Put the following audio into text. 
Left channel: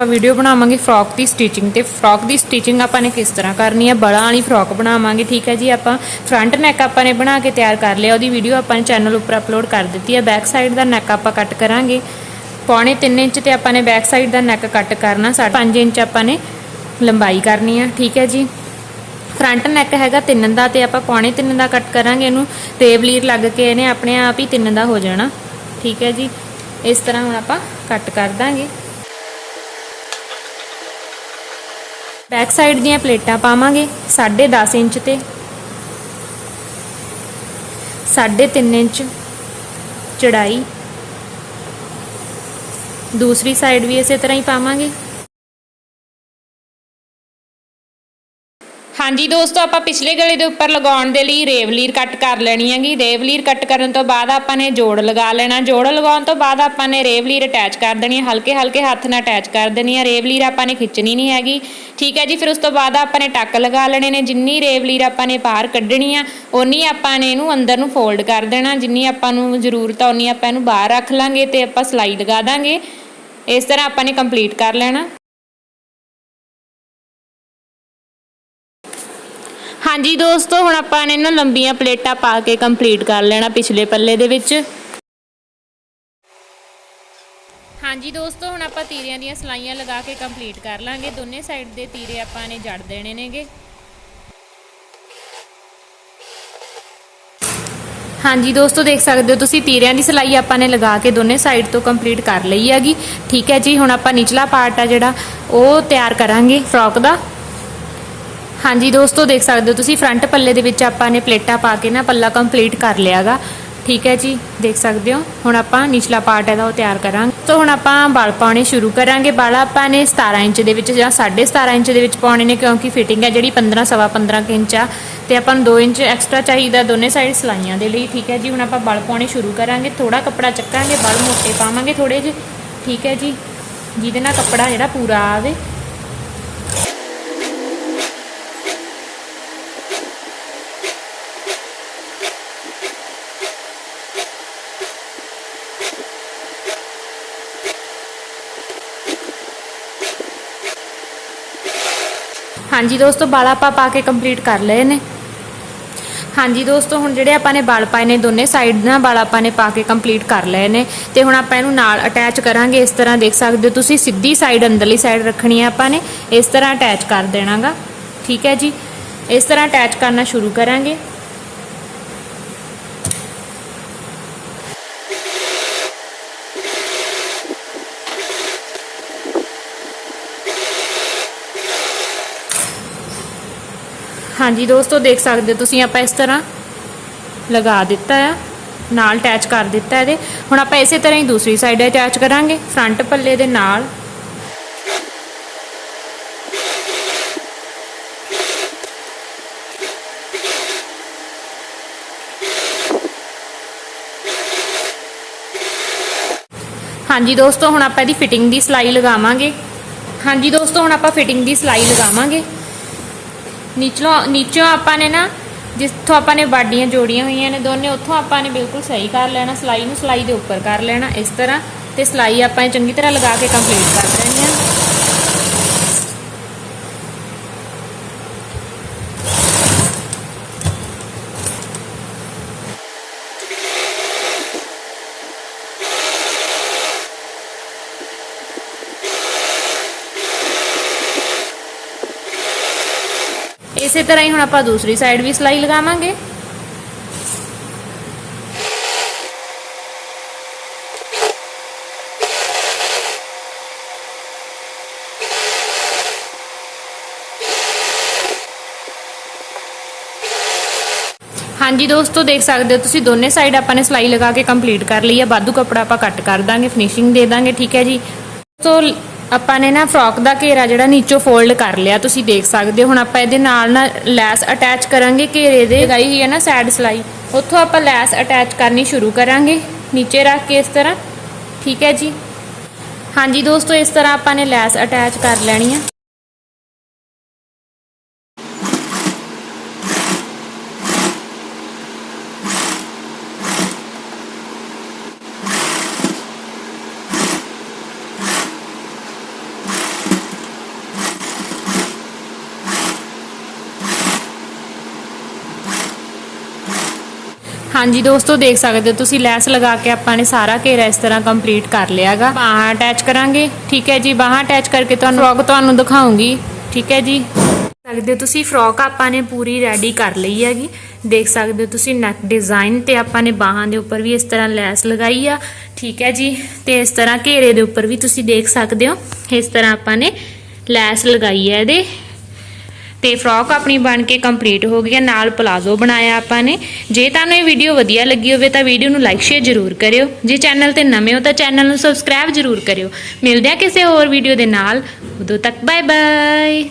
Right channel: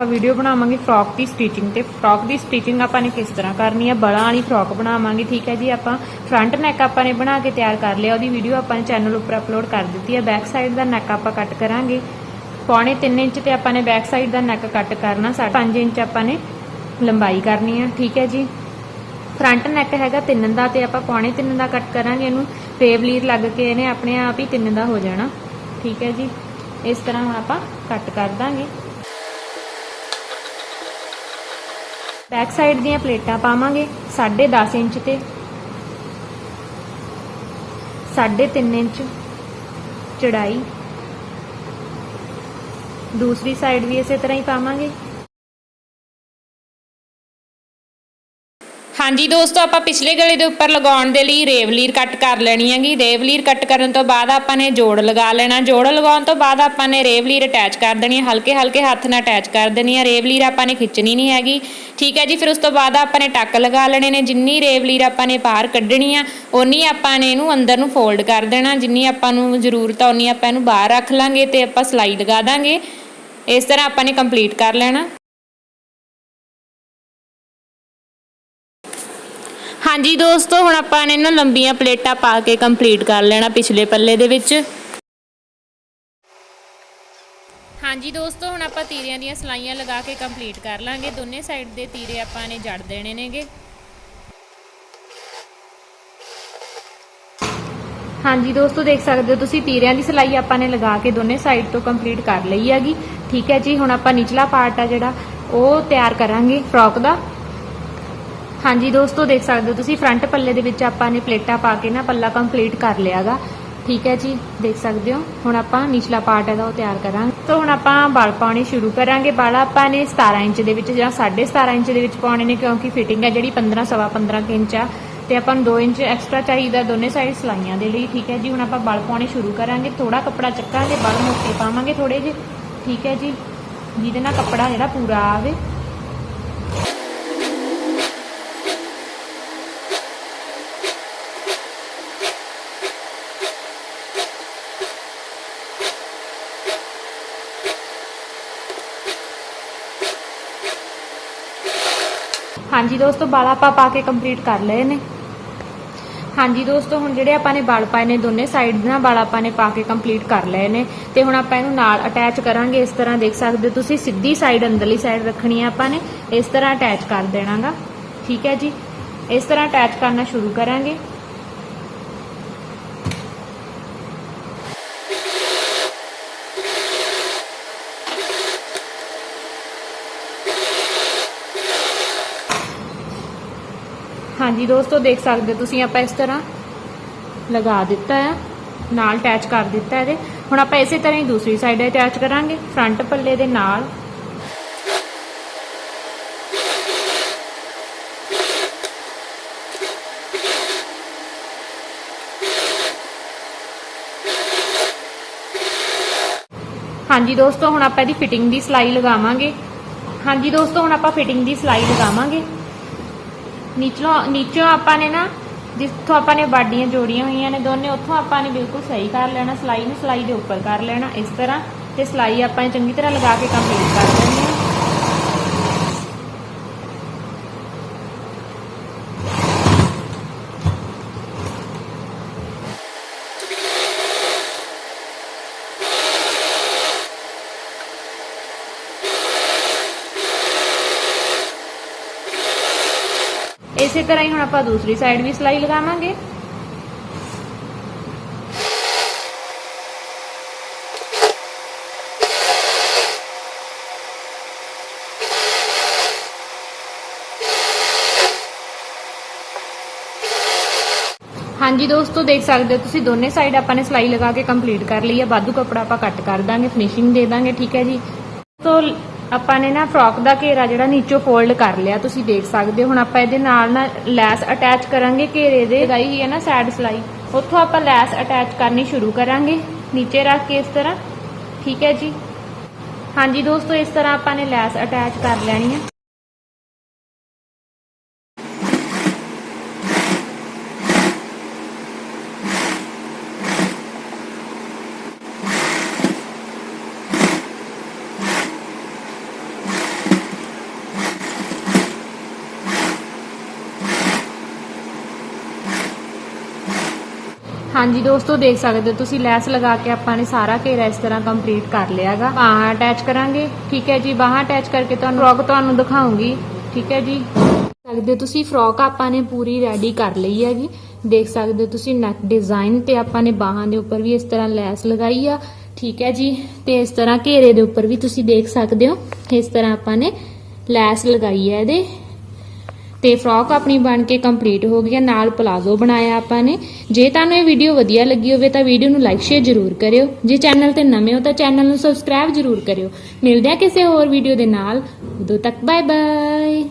ਆਪਾਂ ਵੀਡੀਓ ਬਣਾਵਾਂਗੇ ਫਰੋਕ ਦੀ ਸਟਿਚਿੰਗ ਤੇ ਫਰੋਕ ਦੀ ਸਟਿਚਿੰਗ ਆਪਾਂ ਨੇ ਕਿਸ ਤਰ੍ਹਾਂ ਕਰਨੀ ਹੈ? ਬਲਾਂ ਵਾਲੀ ਫਰੋਕ ਬਣਾਵਾਂਗੇ, ਠੀਕ ਹੈ ਜੀ? ਆਪਾਂ ਫਰੰਟ ਨੈਕ ਆਪਾਂ ਨੇ ਬਣਾ ਕੇ ਤਿਆਰ ਕਰ ਲਿਆ, ਉਹਦੀ ਵੀਡੀਓ ਆਪਾਂ ਨੇ ਚੈਨਲ ਉੱਪਰ ਅਪਲੋਡ ਕਰ ਦਿੱਤੀ ਹੈ। ਬੈਕ ਸਾਈਡ ਦਾ ਨੈਕ ਆਪਾਂ ਕੱਟ ਕਰਾਂਗੇ। ਪੌਣੇ 3 ਇੰਚ ਤੇ ਆਪਾਂ ਨੇ ਬੈਕ ਸਾਈਡ ਦਾ ਨੈਕ ਕੱਟ ਕਰਨਾ 5 ਇੰਚ ਆਪਾਂ ਨੇ ਲੰਬਾਈ ਕਰਨੀ ਹੈ, ਠੀਕ ਹੈ ਜੀ? ਫਰੰਟ ਨੈਕ ਹੈਗਾ 3 ਦਾ ਤੇ ਆਪਾਂ ਪੌਣੇ 3 ਦਾ ਕੱਟ ਕਰਾਂਗੇ, ਇਹਨੂੰ ਟੇਪ ਲੀਰ ਲੱਗ ਕੇ ਇਹਨੇ ਆਪਣੇ ਆਪ ਹੀ 3 ਦਾ ਹੋ ਜਾਣਾ, ਠੀਕ ਹੈ ਜੀ? ਇਸ ਤਰ੍ਹਾਂ ਹੁਣ ਆਪਾਂ ਕੱਟ ਕਰ ਦਾਂਗੇ। ਬੈਕ ਸਾਈਡ ਦੀਆਂ ਪਲੇਟਾਂ ਪਾਵਾਂਗੇ 10.5 ਇੰਚ ਤੇ 3.5 ਇੰਚ ਚੜਾਈ, ਦੂਸਰੀ ਸਾਈਡ ਵੀ ਇਸੇ ਤਰ੍ਹਾਂ ਹੀ ਪਾਵਾਂਗੇ। ਹਾਂਜੀ ਦੋਸਤੋ, ਆਪਾਂ ਪਿਛਲੇ ਗਲੇ ਦੇ ਉੱਪਰ ਲਗਾਉਣ ਦੇ ਲਈ ਰੇਵਲੀਰ ਕੱਟ ਕਰ ਲੈਣੀ ਹੈਗੀ। ਰੇਵਲੀਰ ਕੱਟ ਕਰਨ ਤੋਂ ਬਾਅਦ ਆਪਾਂ ਨੇ ਜੋੜ ਲਗਾ ਲੈਣਾ। ਜੋੜ ਲਗਾਉਣ ਤੋਂ ਬਾਅਦ ਆਪਾਂ ਨੇ ਰੇਵਲੀਰ ਅਟੈਚ ਕਰ ਦੇਣੀ ਹੈ। ਹਲਕੇ ਹਲਕੇ ਹੱਥ ਨਾਲ ਅਟੈਚ ਕਰ ਦੇਣੀ ਹੈ। ਰੇਵਲੀਰ ਆਪਾਂ ਨੇ ਖਿੱਚਣੀ ਨਹੀਂ ਹੈਗੀ। ਠੀਕ ਹੈ ਜੀ, ਫਿਰ ਉਸ ਤੋਂ ਬਾਅਦ ਆਪਾਂ ਨੇ ਟੱਕ ਲਗਾ ਲੈਣੇ ਨੇ। ਜਿੰਨੀ ਰੇਵਲੀਰ ਆਪਾਂ ਨੇ ਬਾਹਰ ਕੱਢਣੀ ਆ ਉਨੀ ਆਪਾਂ ਨੇ ਇਹਨੂੰ ਅੰਦਰ ਨੂੰ ਫੋਲਡ ਕਰ ਦੇਣਾ। ਜਿੰਨੀ ਆਪਾਂ ਨੂੰ ਜ਼ਰੂਰਤ ਆ ਉਨੀ ਆਪਾਂ ਇਹਨੂੰ ਬਾਹਰ ਰੱਖ ਲਾਂਗੇ ਤੇ ਆਪਾਂ ਸਲਾਈ ਲਗਾ ਦਾਂਗੇ। ਇਸ ਤਰ੍ਹਾਂ ਆਪਾਂ ਨੇ ਕੰਪਲੀਟ ਕਰ ਲੈਣਾ। ਹਾਂਜੀ ਦੋਸਤੋ, ਹੁਣ ਆਪਾਂ ਨੇ ਨਾ ਲੰਬੀਆਂ ਪਲੇਟਾਂ ਪਾ ਕੇ ਕੰਪਲੀਟ ਕਰ ਲੈਣਾ ਪਿਛਲੇ ਪੱਲੇ ਦੇ ਵਿੱਚ। ਹਾਂਜੀ ਦੋਸਤੋ, ਹੁਣ ਆਪਾਂ ਤੀਰਿਆਂ ਦੀਆਂ ਸਲਾਈਆਂ ਲਗਾ ਕੇ ਕੰਪਲੀਟ ਕਰ ਲਾਂਗੇ। ਦੋਨੇ ਸਾਈਡ ਦੇ ਤੀਰੇ ਆਪਾਂ ਨੇ ਜੜ ਦੇਣੇ ਨੇਗੇ। ਹਾਂਜੀ ਦੋਸਤੋ, ਦੇਖ ਸਕਦੇ ਹੋ ਤੁਸੀਂ, ਤੀਰਿਆਂ ਦੀ ਸਲਾਈ ਆਪਾਂ ਨੇ ਲਗਾ ਕੇ ਦੋਨੇ ਸਾਈਡ ਤੋਂ ਕੰਪਲੀਟ ਕਰ ਲਈ ਹੈਗੀ। ਠੀਕ ਹੈ ਜੀ, ਹੁਣ ਆਪਾਂ ਨਿਚਲਾ ਪਾਰਟ ਆ ਜਿਹੜਾ, ਉਹ ਤਿਆਰ ਕਰਾਂਗੇ ਫਰੋਕ ਦਾ। ਹਾਂਜੀ ਦੋਸਤੋ, ਦੇਖ ਸਕਦੇ ਹੋ ਤੁਸੀਂ ਫਰੰਟ ਪੱਲੇ ਦੇ ਵਿੱਚ ਆਪਾਂ ਨੇ ਪਲੇਟਾਂ ਪਾ ਕੇ ਨਾ ਪੱਲਾ ਕੰਪਲੀਟ ਕਰ ਲਿਆਗਾ। ਠੀਕ ਹੈ ਜੀ, ਦੇਖ ਸਕਦੇ ਹੋ। ਹੁਣ ਆਪਾਂ ਨਿਚਲਾ ਪਾਰਟ ਇਹਦਾ ਉਹ ਤਿਆਰ ਕਰਾਂਗੇ। ਤਾਂ ਹੁਣ ਆਪਾਂ ਵਾਲ ਪਾਉਣੇ ਸ਼ੁਰੂ ਕਰਾਂਗੇ। ਵਾਲ ਆਪਾਂ ਨੇ 17 ਇੰਚ ਦੇ ਵਿੱਚ ਜਾਂ 17.5 ਇੰਚ ਦੇ ਵਿੱਚ ਪਾਉਣੇ ਨੇ, ਕਿਉਂਕਿ ਫਿਟਿੰਗ ਹੈ ਜਿਹੜੀ 15 ਸਵਾ 15 ਕੁ ਇੰਚ ਆ। ਤੇ ਆਪਾਂ ਨੂੰ 2 ਇੰਚ ਐਕਸਟਰਾ ਚਾਹੀਦਾ ਦੋਨੇ ਸਾਈਡ ਸਲਾਈਆਂ ਦੇ ਲਈ। ਠੀਕ ਹੈ ਜੀ, ਹੁਣ ਆਪਾਂ ਵਾਲ ਪਾਉਣੇ ਸ਼ੁਰੂ ਕਰਾਂਗੇ। ਥੋੜਾ ਕੱਪੜਾ ਚੱਕਾਂਗੇ ਵਾਲ ਮੋਟੇ ਪਾਵਾਂਗੇ ਥੋੜੇ ਜਿਹੇ। ਠੀਕ ਹੈ ਜੀ, ਜਿਹਦੇ ਨਾਲ ਕੱਪੜਾ ਜਿਹੜਾ ਪੂਰਾ ਆਵੇ। ਹਾਂਜੀ ਦੋਸਤੋ, ਬਾਲ ਆਪਾਂ ਪਾ ਕੇ ਕੰਪਲੀਟ ਕਰ ਲਏ ਨੇ। ਹਾਂਜੀ ਦੋਸਤੋ, ਹੁਣ ਜਿਹੜੇ ਆਪਾਂ ਨੇ ਵਾਲ ਪਾਏ ਨੇ ਦੋਨੇ ਸਾਈਡ ਨਾਲ, ਬਾਲ਼ ਆਪਾਂ ਨੇ ਪਾ ਕੇ ਕੰਪਲੀਟ ਕਰ ਲਏ ਨੇ। ਤੇ ਹੁਣ ਆਪਾਂ ਇਹਨੂੰ ਨਾਲ ਅਟੈਚ ਕਰਾਂਗੇ, ਇਸ ਤਰ੍ਹਾਂ ਦੇਖ ਸਕਦੇ ਹੋ ਤੁਸੀਂ, ਸਿੱਧੀ ਸਾਈਡ ਅੰਦਰਲੀ ਸਾਈਡ ਰੱਖਣੀ ਹੈ ਆਪਾਂ ਨੇ। ਇਸ ਤਰ੍ਹਾਂ ਅਟੈਚ ਕਰ ਦੇਣਾਗਾ। ਠੀਕ ਹੈ ਜੀ? ਇਸ ਤਰ੍ਹਾਂ ਅਟੈਚ ਕਰਨਾ ਸ਼ੁਰੂ ਕਰਾਂਗੇ। ਹਾਂਜੀ ਦੋਸਤੋ, ਦੇਖ ਸਕਦੇ ਹੋ ਤੁਸੀਂ ਆਪਾਂ ਇਸ ਤਰ੍ਹਾਂ ਲਗਾ ਦਿੱਤਾ ਹੈ ਨਾਲ ਅਟੈਚ ਕਰ ਦਿੱਤਾ ਇਹਦੇ। ਹੁਣ ਆਪਾਂ ਇਸੇ ਤਰ੍ਹਾਂ ਹੀ ਦੂਸਰੀ ਸਾਈਡ ਅਟੈਚ ਕਰਾਂਗੇ ਫਰੰਟ ਪੱਲੇ ਦੇ ਨਾਲ। ਹਾਂਜੀ ਦੋਸਤੋ, ਹੁਣ ਆਪਾਂ ਇਹਦੀ ਫਿਟਿੰਗ ਦੀ ਸਲਾਈ ਲਗਾਵਾਂਗੇ। ਹਾਂਜੀ ਦੋਸਤੋ, ਹੁਣ ਆਪਾਂ ਫਿਟਿੰਗ ਦੀ ਸਲਾਈ ਲਗਾਵਾਂਗੇ। ਨੀਚੋਂ ਨੀਚੋਂ ਆਪਾਂ ਨੇ ਨਾ, ਜਿੱਥੋਂ ਆਪਾਂ ਨੇ ਬਾਡੀਆਂ ਜੋੜੀਆਂ ਹੋਈਆਂ ਨੇ ਦੋਨੇ, ਉੱਥੋਂ ਆਪਾਂ ਨੇ ਬਿਲਕੁਲ ਸਹੀ ਕਰ ਲੈਣਾ, ਸਲਾਈ ਨੂੰ ਸਲਾਈ ਦੇ ਉੱਪਰ ਕਰ ਲੈਣਾ ਇਸ ਤਰ੍ਹਾਂ, ਤੇ ਸਲਾਈ ਆਪਾਂ ਚੰਗੀ ਤਰ੍ਹਾਂ ਲਗਾ ਕੇ ਕੰਪਲੀਟ ਕਰ ਲੈਣੀ ਇਸੇ ਤਰ੍ਹਾਂ ਹੀ ਹੁਣ ਆਪਾਂ ਦੂਸਰੀ ਸਾਈਡ ਵੀ ਸਲਾਈ ਲਗਾਵਾਂਗੇ। ਹਾਂਜੀ ਦੋਸਤੋ, ਦੇਖ ਸਕਦੇ ਹੋ ਤੁਸੀਂ ਦੋਨੇ ਸਾਈਡ ਆਪਾਂ ਨੇ ਸਲਾਈ ਲਗਾ ਕੇ ਕੰਪਲੀਟ ਕਰ ਲਈ ਹੈ ਬਾਦੂ ਕੱਪੜਾ ਆਪਾਂ ਕੱਟ ਕਰ ਦਾਂਗੇ ਫਿਨਿਸ਼ਿੰਗ ਦੇ ਦਾਂਗੇ, ਠੀਕ ਹੈ ਜੀ। ਸੋ ਆਪਾਂ ਨੇ ਨਾ ਫਰੋਕ ਦਾ ਘੇਰਾ ਜਿਹੜਾ ਨੀਚੋਂ ਫੋਲਡ ਕਰ ਲਿਆ, ਤੁਸੀਂ ਦੇਖ ਸਕਦੇ ਹੋ। ਹੁਣ ਆਪਾਂ ਇਹਦੇ ਨਾਲ ਨਾ ਲੈਸ ਅਟੈਚ ਕਰਾਂਗੇ, ਘੇਰੇ ਦੇ। ਲਗਾਈ ਹੀ ਹੈ ਨਾ ਸਾਈਡ ਸਲਾਈ। ਉੱਥੋਂ ਆਪਾਂ ਲੈਸ ਅਟੈਚ ਕਰਨੀ ਸ਼ੁਰੂ ਕਰਾਂਗੇ। ਨੀਚੇ ਰੱਖ ਕੇ ਇਸ ਤਰ੍ਹਾਂ। ਠੀਕ ਹੈ ਜੀ? ਹਾਂਜੀ ਦੋਸਤੋ, ਇਸ ਤਰ੍ਹਾਂ ਆਪਾਂ ਨੇ ਲੈਸ ਅਟੈਚ ਕਰ ਲੈਣੀ ਆ। ਹਾਂਜੀ ਦੋਸਤੋ, ਦੇਖ ਸਕਦੇ ਹੋ ਤੁਸੀਂ, ਲੈਸ ਲਗਾ ਕੇ ਆਪਾਂ ਨੇ ਸਾਰਾ ਘੇਰਾ ਇਸ ਤਰ੍ਹਾਂ ਕੰਪਲੀਟ ਕਰ ਲਿਆਗਾ। ਬਾਹਾਂ ਅਟੈਚ ਕਰਾਂਗੇ, ਠੀਕ ਹੈ ਜੀ? ਬਾਹਾਂ ਅਟੈਚ ਕਰਕੇ ਤੁਹਾਨੂੰ ਫਰੋਕ ਤੁਹਾਨੂੰ ਦਿਖਾਉਂਗੀ, ਠੀਕ ਹੈ ਜੀ? ਸਕਦੇ ਹੋ ਤੁਸੀਂ ਫਰੋਕ ਆਪਾਂ ਨੇ ਪੂਰੀ ਰੈਡੀ ਕਰ ਲਈ ਹੈਗੀ। ਦੇਖ ਸਕਦੇ ਹੋ ਤੁਸੀਂ ਨੈਕ ਡਿਜ਼ਾਈਨ ਤੇ ਆਪਾਂ ਨੇ ਬਾਹਾਂ ਦੇ ਉੱਪਰ ਵੀ ਇਸ ਤਰ੍ਹਾਂ ਲੈਸ ਲਗਾਈ ਆ, ਠੀਕ ਹੈ ਜੀ? ਤੇ ਇਸ ਤਰ੍ਹਾਂ ਘੇਰੇ ਦੇ ਉੱਪਰ ਵੀ ਤੁਸੀਂ ਦੇਖ ਸਕਦੇ ਹੋ, ਇਸ ਤਰ੍ਹਾਂ ਆਪਾਂ ਨੇ ਲੈਸ ਲਗਾਈ ਹੈ ਇਹਦੇ। ਤੇ ਫਰੋਕ ਆਪਣੀ ਬਣ ਕੇ ਕੰਪਲੀਟ ਹੋ ਗਈ ਹੈ, ਨਾਲ ਪਲਾਜ਼ੋ ਬਣਾਇਆ ਆਪਾਂ ਨੇ। ਜੇ ਤੁਹਾਨੂੰ ਇਹ ਵੀਡੀਓ ਵਧੀਆ ਲੱਗੀ ਹੋਵੇ ਤਾਂ ਵੀਡੀਓ ਨੂੰ ਲਾਈਕ ਸ਼ੇਅਰ ਜ਼ਰੂਰ ਕਰਿਓ। ਜੇ ਚੈਨਲ ਤੇ ਨਵੇਂ ਹੋ ਤਾਂ ਚੈਨਲ ਨੂੰ ਸਬਸਕ੍ਰਾਈਬ ਜ਼ਰੂਰ ਕਰਿਓ। ਮਿਲਦੇ ਹਾਂ ਕਿਸੇ ਹੋਰ ਵੀਡੀਓ ਦੇ ਨਾਲ। ਉਦੋਂ ਤੱਕ ਬਾਏ ਬਾਏ